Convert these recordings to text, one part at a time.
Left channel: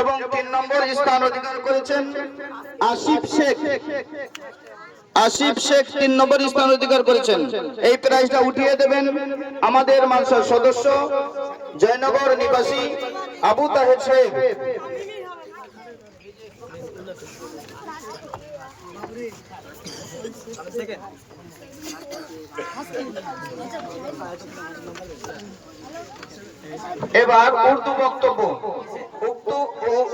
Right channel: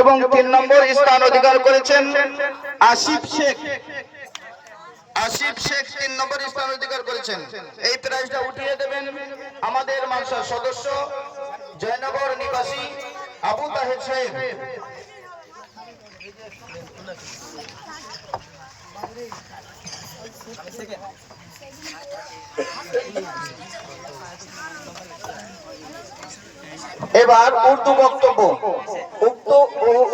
এবং 3 নম্বর স্থান অধিকার করেছেন আসিফ শেখ। আসিফ শেখ 3 নম্বর স্থান অধিকার করেছেন। এই প্রাইজটা উঠিয়ে দেবেন আমাদের মাদ্রাসার সদস্য জয়নগর নিবাসী আবু তাহের সাহেব। এবার উর্দু বক্তব্য।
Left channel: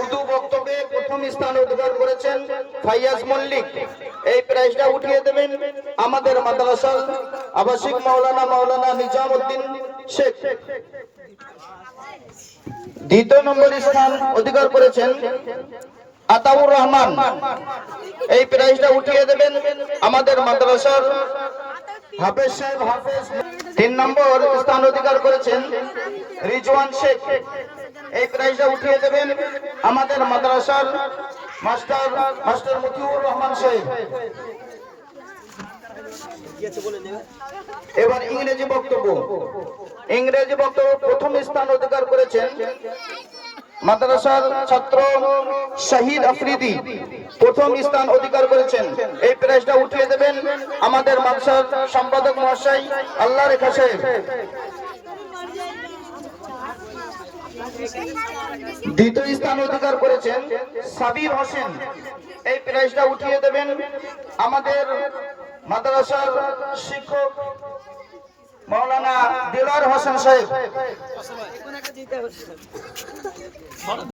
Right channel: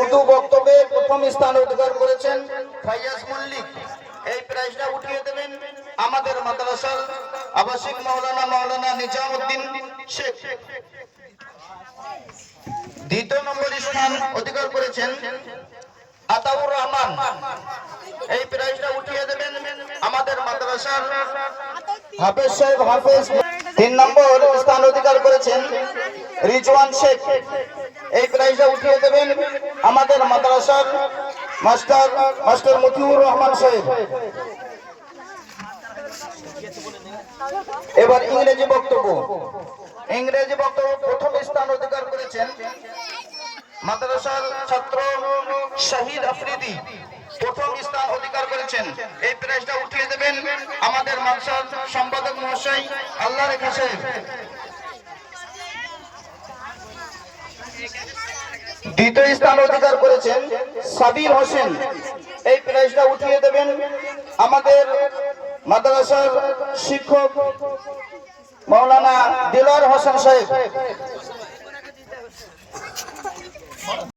উর্দু বক্তব্যে প্রথম স্থান অধিকার করেছেন ফাইয়াজ মল্লিক। এই প্রাইজটা উঠিয়ে দেবেন আমাদের মাদ্রাসার আবাসিক মাওলানা নিজামউদ্দিন শেখ। দ্বিতীয় নম্বর স্থান অধিকার করেছেন আতাউর রহমান। এই প্রাইজটা উঠিয়ে দেবেন আমাদের মাদ্রাসার হাফেজ সাহেব হাফেজ। 3 নম্বর স্থান অধিকার করেছেন রিজওয়ান শেখ। এই প্রাইজটা উঠিয়ে দেবেন আমাদের মাদ্রাসার মাস্টার মতিউর রহমান সাহেব। এবার ইংরেজি বক্তব্য। প্রথম স্থান অধিকার করেছেন মাদ্রাসার ছাত্র শহীদ আফ্রিদি। প্রথম স্থান অধিকার করেছেন। এই প্রাইজটা উঠিয়ে দেবেন আমাদের মাদ্রাসার সম্পাদক মহাশয় আল্লাহ রেখা সাহেব। দ্বিতীয় স্থান অধিকার করেছেন সাবির হোসেন। এই প্রাইজটা উঠিয়ে দেবেন আমাদের মাদ্রাসার শিক্ষক মাওলানা দিলওয়ার হোসেন সাহেব।